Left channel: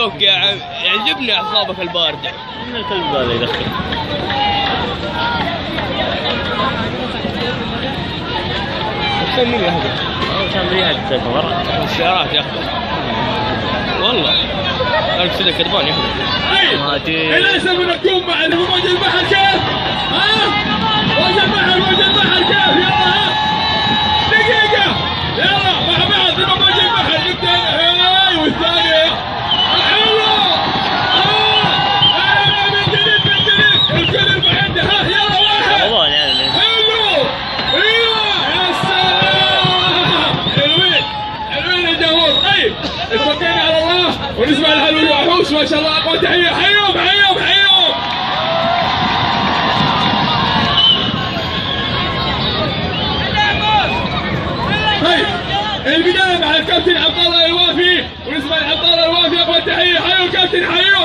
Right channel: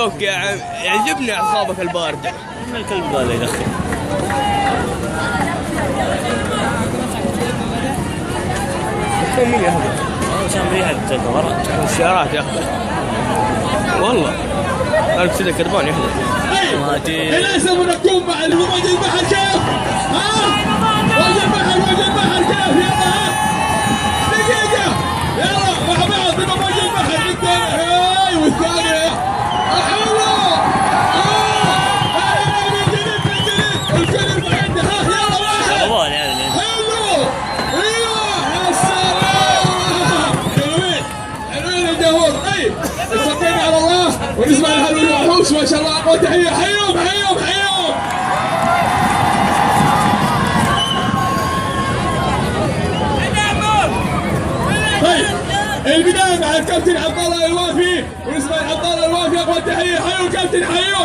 الفلوك يا عم، يعجبني اعصابك البارده. الكلب هذا يدخل. مين يهبل؟ عشان ريحة الورق. السيارات يهبل. والله أعرف كذا كربان يهبل. للأسف نكون مع موج البحر كيف؟ موج البحر كيف؟ يلا دقيقة، يلا مع بعض نبغى موج البحر والثانية حلو. من جديد الكل عنده. يلا حلو. ايوه يا سلام، حلوين الجمهور. طيب استقينا على الله ونسمع الهلو الوحوش ما شاء الله. اقوى تحية، حيهم. طيب البداية مع الكابتن عبد الله الوافي ونسمع عبد الله الوافي. اقوى تحية، حيوا كابتن، حيوا.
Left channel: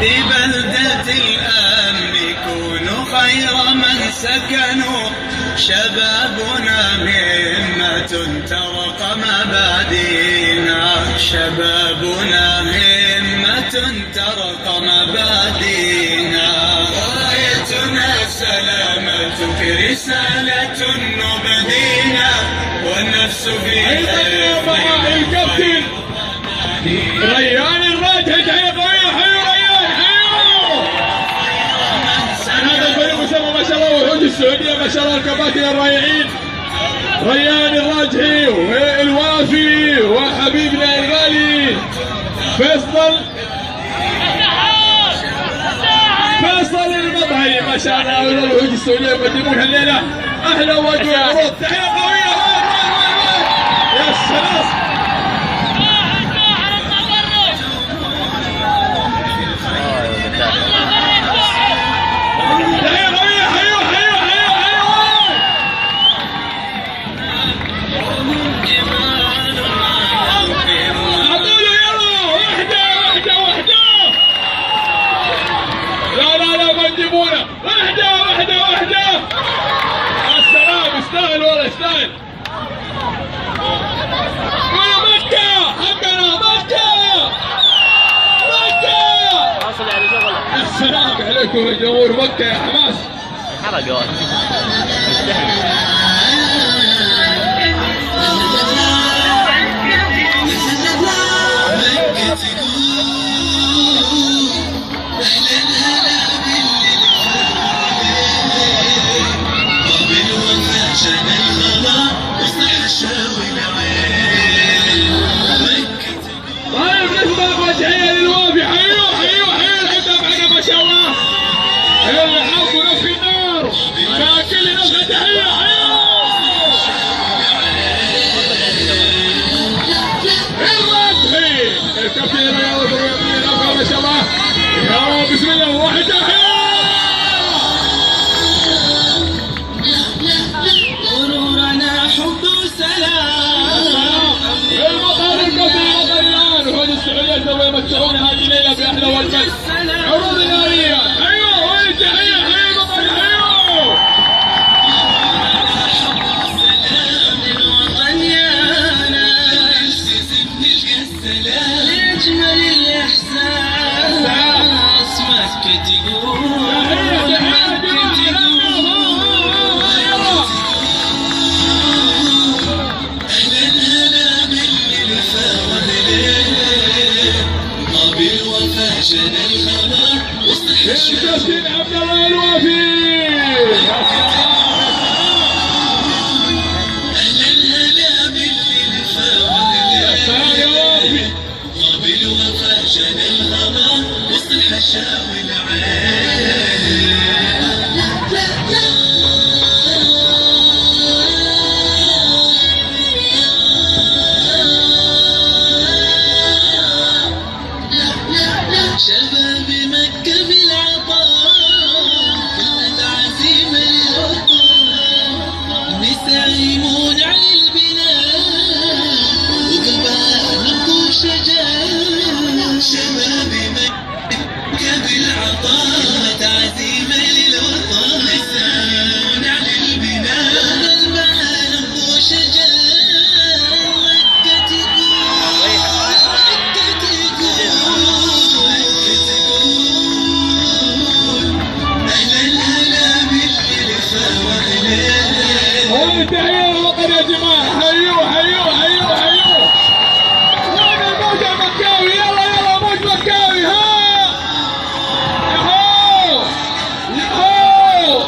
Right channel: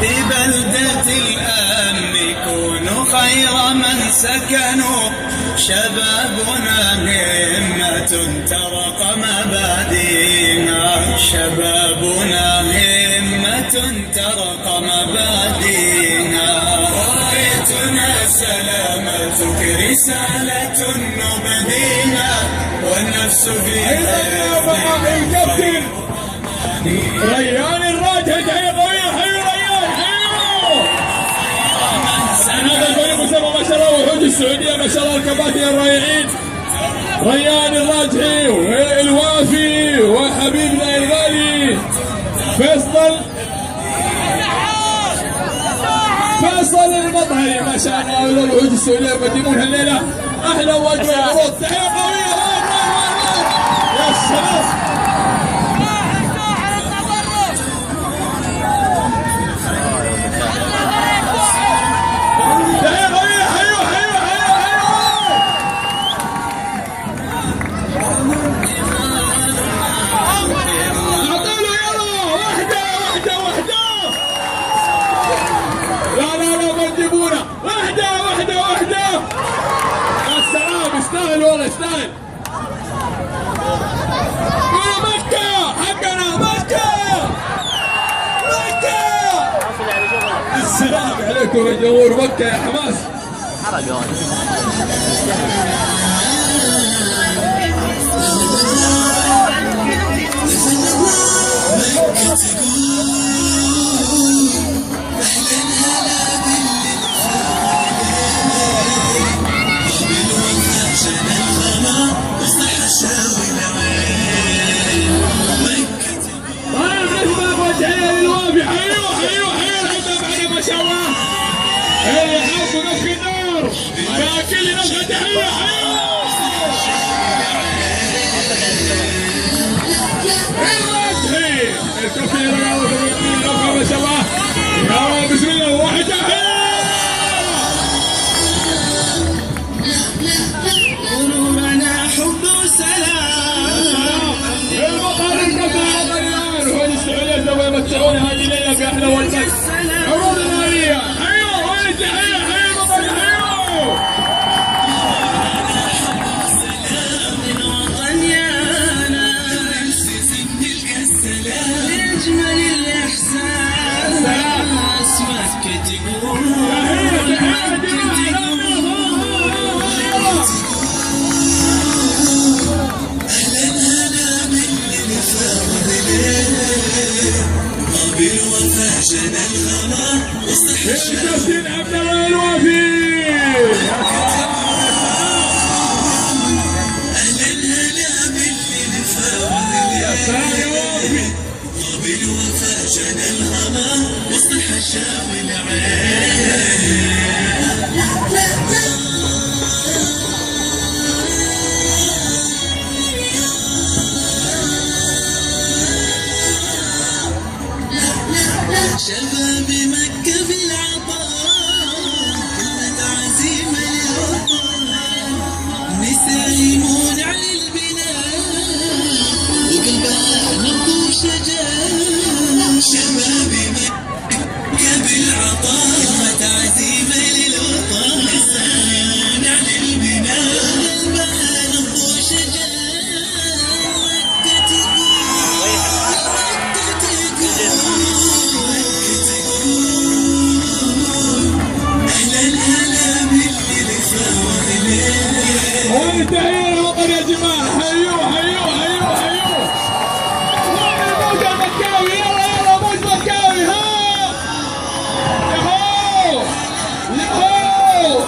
ببلدة الأمن يكونوا خير من سكنوا، شبابنا همة ترق مبادينا، شبابنا همة ترق مبادينا، غايتنا سلامتك رسالة نبدينا، والنفس في الكابتن ريان الراجل. تحية قوية، حيوا ريان، حيوا. هذا الفريق مسمى ما شاء الله وحوش السعودية ما شاء الله، الكباتن الرائعين ريان الراجحي والوافي وحبيبنا الغالي فيصل المضحي ما شاء الله. والوحوش السعودية يقدمون الليلة أحلى وأجمل عروض. تحية قوية. يا سلام. واحدة. يا سلام، يستاهل والله يستاهل. يا مكة حقنا، مكة. السلام عليكم يا جمهور مكة يا حماس. طيب نسمع تحية للوافي. حيوا الحبة معنا ما شاء الله. اللي حاطوا نفخ النار فاكل نفخ تحية. الرجحي الكابتن رياض نفخ ما شاء الله. يا بسم الله واحد تحية. غرورنا حب وسلام. المطار الكبير الآن وهذه السعودية سوف يمتعون هذه الليلة بأحلى وجبة عروض نارية. حيوا وين تحية، حيوا المطار، حيوا. القمر يا جماعه، حيوه حيوه حيوه حيوه. وين الموج المكاوي؟ يلا يلا موج مكاوي، ها يهو يهو.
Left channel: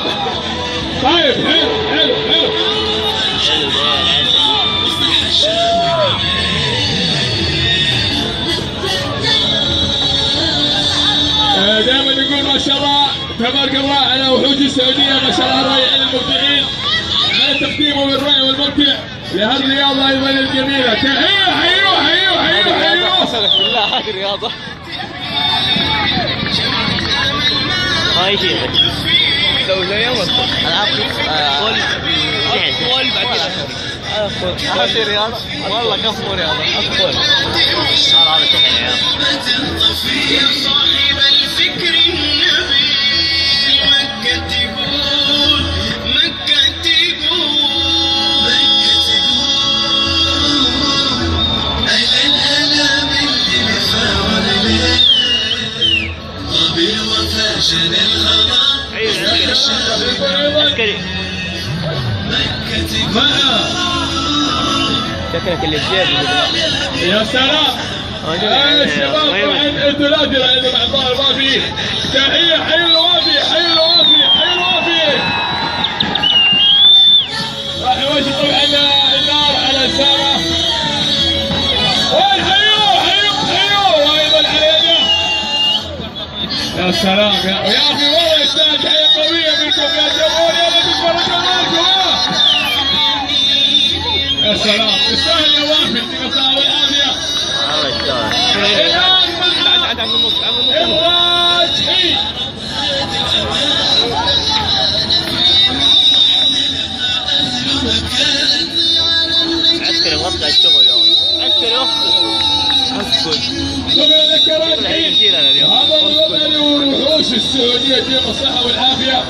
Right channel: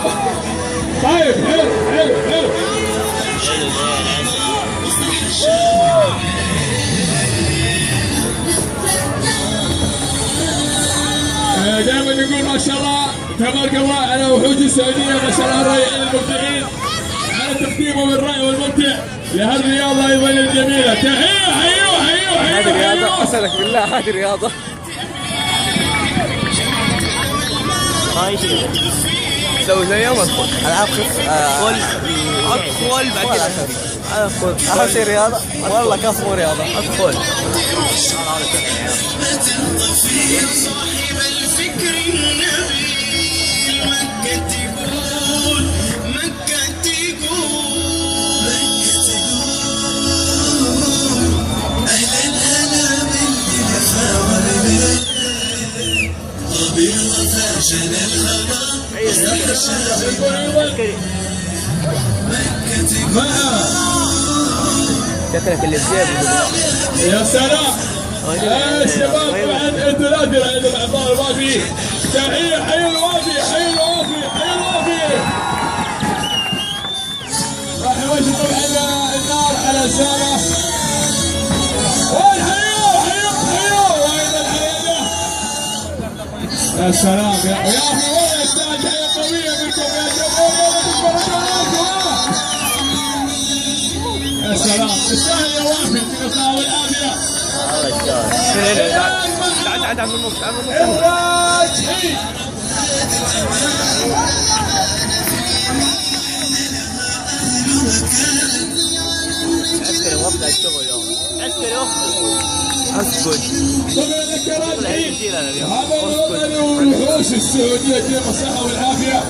طيب حلو حلو حلو. دائما نقول ما شاء الله تبارك الله على وحوش السعوديه، ما شاء الله الرائعين المبدعين على تقديمهم الرائع والممتع لهالرياضه ايضا الجميله. تحيه حيوه حيوه حيوه حيوه. اسالك بالله هذه رياضه؟ هاي شيء سوي زيهم اطفال. اطفال بعد كذا اطفال شيء رياضه. والله كفو رياضه اطفال. يا صاحب الفكر النبيل، مكة تقول مكة تقول مكة تقول أهلا هلا باللي لفا والليل طاب الوفا جنى الهوى مكة تقول. شكلك اللي بجيبه. يا سلام. الشباب طبعا انتوا لا تدري عندهم اعضاء الوافي. تحيه حي الوافي حي الوافي حي الوافي. راح يوجه طبعا النار على الساره. وين حيوه حيوه حيوه وايضا علينا. يا سلام يا اخي والله يستاهل تحيه قويه منكم يا جمهور. يلا تتفرجوا معكم. يا سلام يستاهل يا وافي، يعطيك الصحه والعافيه. تعال تعال من النص تعال من النص. إخراج حي. عسكري وقت الشغل يوم عسكري اسكت. طبعا ذكرت حي. هذا الوطني والوحوش السعوديه يديهم الصحه والعافيه.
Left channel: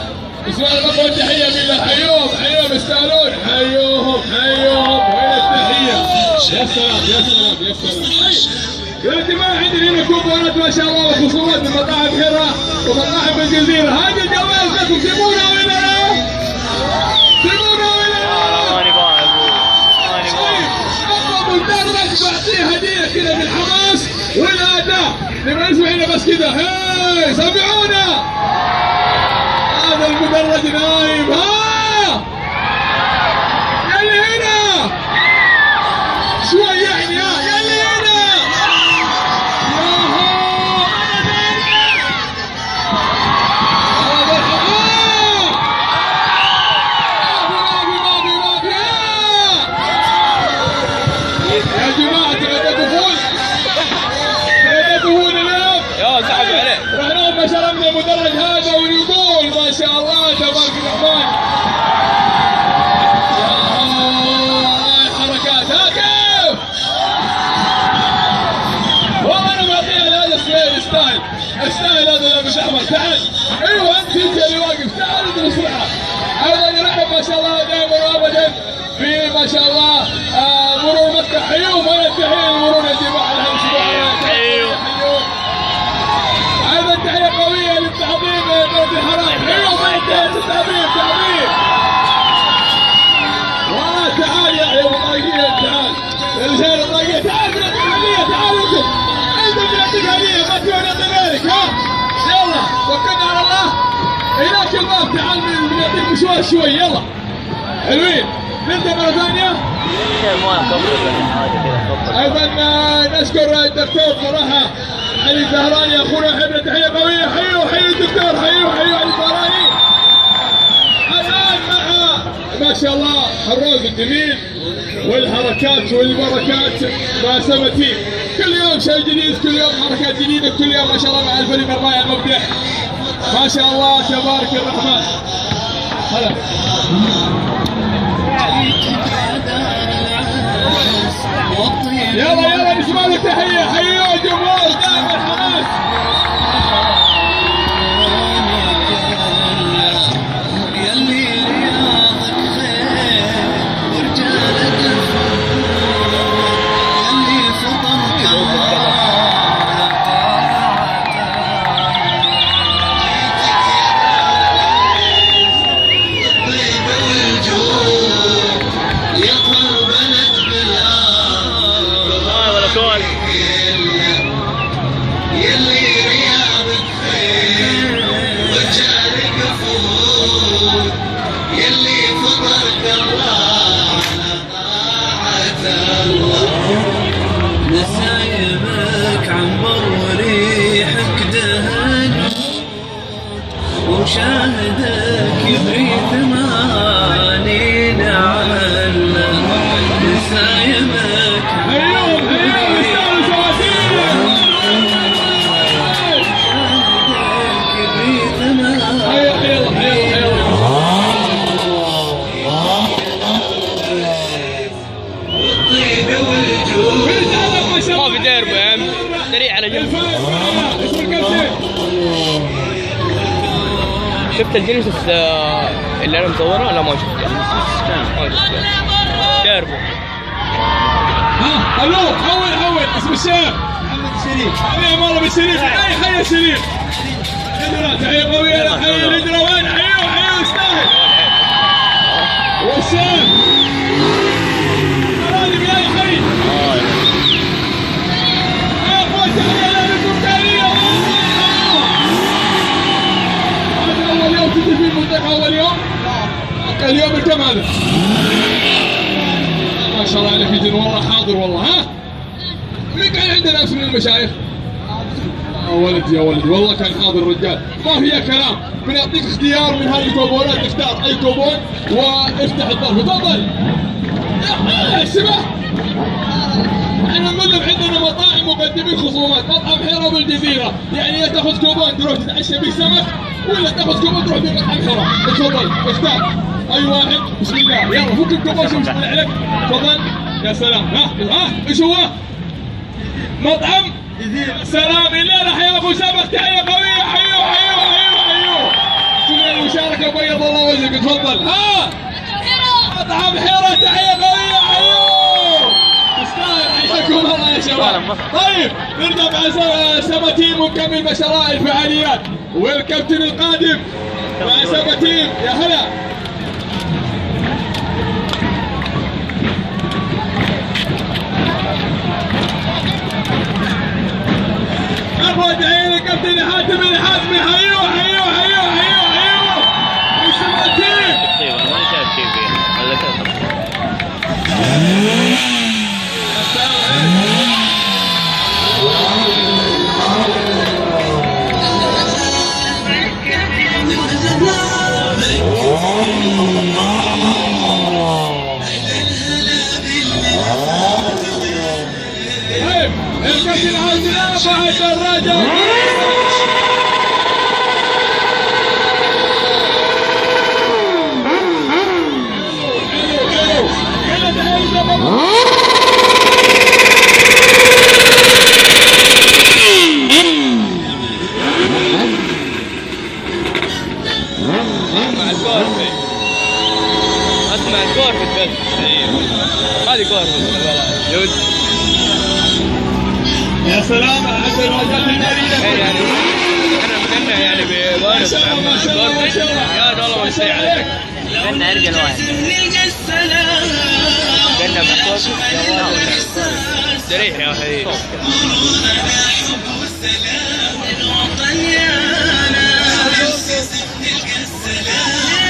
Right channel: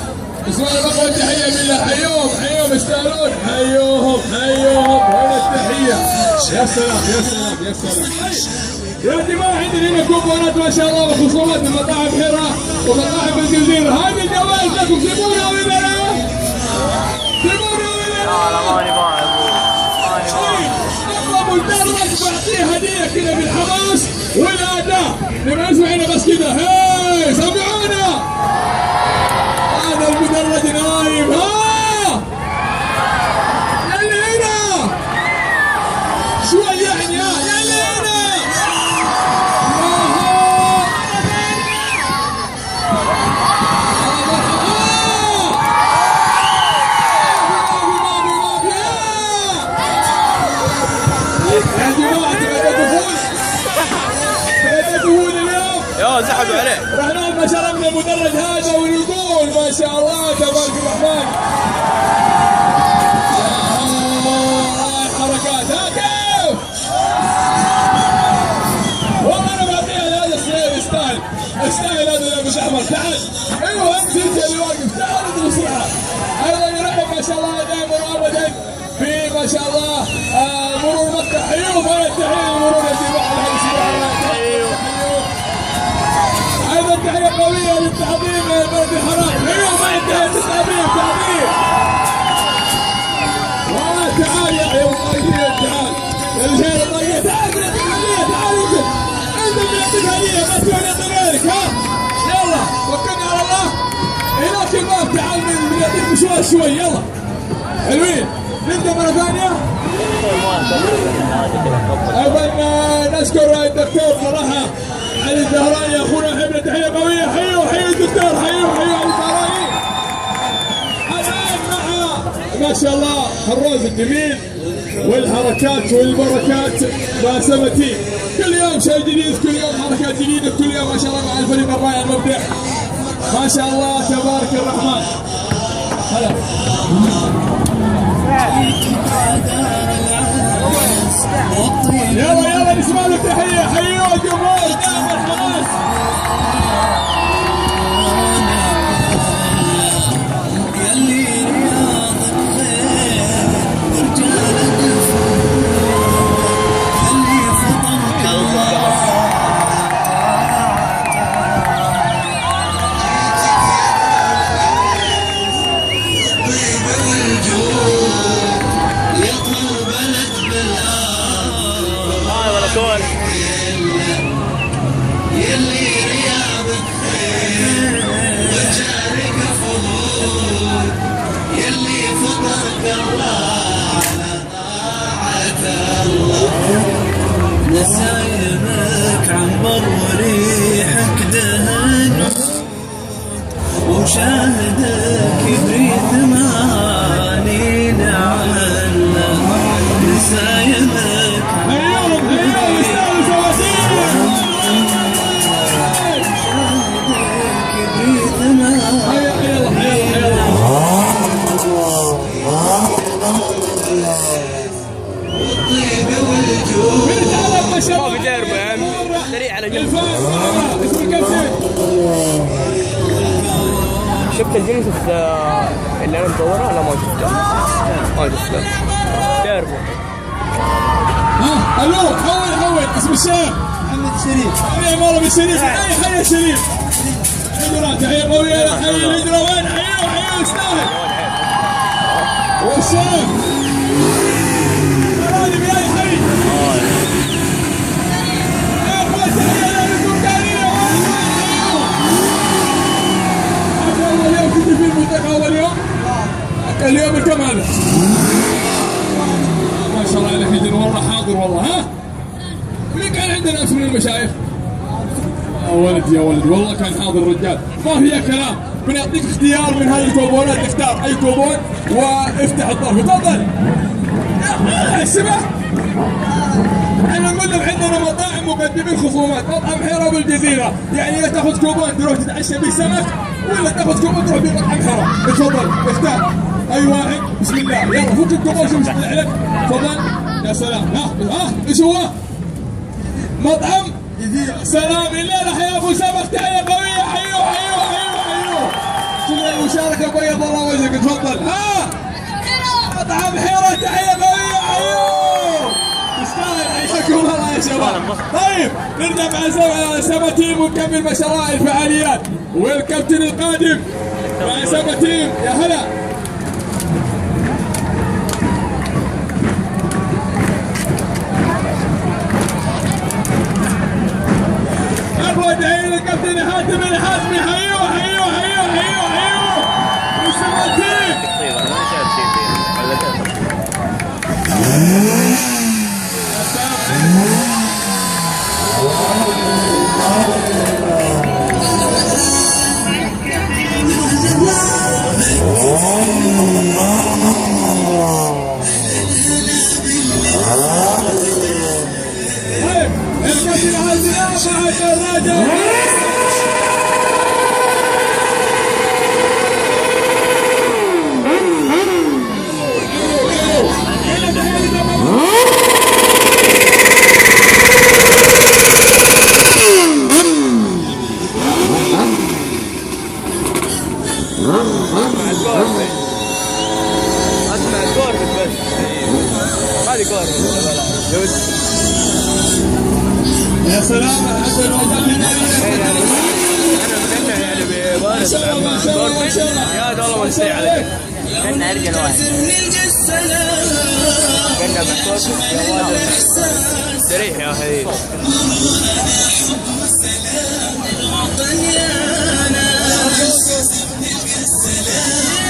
بسؤال رقم تحيه بالله. حيوهم حيوهم يستاهلون. حيوهم حيوهم. وين التحيه؟ يا سلام يا سلام يا سلام. يا جماعه عندنا هنا كوبونات ما شاء الله وخصومات من مطاعم حره ومطاعم الجزيره. هذه الجوائز لكم تبونها ولا لا؟ تبونها ولا لا؟ ماني باغي ماني باغي. اطلبوا المدرج واعطيه هديه كذا بالحماس والاداء. نبغى نسمع هنا بس كذا. هاي سمعونا. هذا المدرج نايم. ها يلي هنا شوي يعني. ها يلي هنا. يا جماعة تبون اليوم. يا سحبوا عليه. رحنا ما شربنا المدرج هذا ونقول ما شاء الله تبارك الرحمن. يا الله الحركات. ها كيف؟ والله انا معطيها لهذا الصغير يستاهل. يستاهل هذا لابس احمر. تعال. ايوه انت اللي واقف. تعال ادرس معه. ايضا يرحب ما شاء الله دائما وابدا في ما شاء الله مرور مكة. حيوم. وين التحية لمرور يا جماعة الاسبوع. حيوم حيوم. ايضا تحية قوية للتعظيم درب الحرام. حيوم. وين التحية للتعظيم تعظيم. تعال يا طاقية. تعال يا رجال الطاقية. تعال بنعطيك هدية. تعال انت بنعطيك هدية. ما تبغى نعطي غيرك. ها يلا توكلنا على الله. هناك الباب. تعال بنعطيك مشوار شوي. يلا حلوين. نبدا مرة ثانية. ايضا نشكر الدكتور صراحة علي الزهراني اخونا. حبنا تحية قوية. حيو حيو الدكتور. حيو حيو علي الزهراني. الان مع ما شاء الله الروز الجميل والحركات والبركات مع سمتي. كل يوم شيء جديد، كل يوم حركات جديدة، كل يوم ما شاء الله مع الفريق الرائع المبدع ما شاء الله تبارك الرحمن. هلا يلا يلا نسمع له تحية. حيوا الجمهور دائما الحماس. يلي رياضك خير ورجالك الفور خلي فطنك الله. شفت الجنس اللي انا مصورها؟ لا ما شفتها. ما شفتها. تعرفوا؟ ها الو اول اسم الشيخ محمد الشريف. حبيبي والله بالشريف. اي حي الشريف. هجرة تحية قوية لحي الهجرة. وين حيوه يستاهل. والشيخ هذه بلاي حي. يا اخوان تحية لكم تحية. هذا اول يوم تجي في المنطقة. اول يوم؟ اليوم الكم هذا؟ ما شاء الله عليك يدين والله حاضر والله. ها؟ مين كان عندنا اسم المشايخ؟ يا ولدي يا ولدي والله كان حاضر الرجال. ما فيها كلام. بنعطيك اختيار من هذه التوبونات. اختار اي توبون وافتح الظرف. تفضل. يا السماح. احنا نقول لهم عندنا مطاعم مقدمين خصومات. مطعم حيرة بالجزيرة، يعني يا تاخذ كوبون تروح تتعشى به سمك، ولا تاخذ كوبون تروح به مطعم حيرة. تفضل اختار اي واحد. بسم الله يلا فك الكوبون. شوف ايش عليك. تفضل. يا سلام. ها ايش هو؟ مطعم سلام الليلة. حيا ابو سمك. تحية قوية. حيوه. شوف المشاركة بيض الله وجهك. تفضل. ها مطعم حيرة. تحية قوية. حيوه تستاهل. حياكم الله يا شباب. طيب نرجع مع سماتيم ونكمل مشاريع الفعاليات. والكابتن القادم مع سماتيم. يا هلا. أبغى عين الكابتن حاتم الحاتمي. حيوه. السماتيم. انا ما شايف شيء فيه. ولا كذا. الكابتن عزيز فهد الرجل. اسمع الكورفت بس. هذه كورفت. يا سلام. عسى الوجه يعني انا مستنى يعني ببارس مع كورفت. يا والله ما تستطيع عليك. كنا ارجل واحد. كنا بكورفت يا ولد. استريح يا اخي.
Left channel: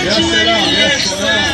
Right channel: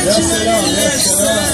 يا سلام.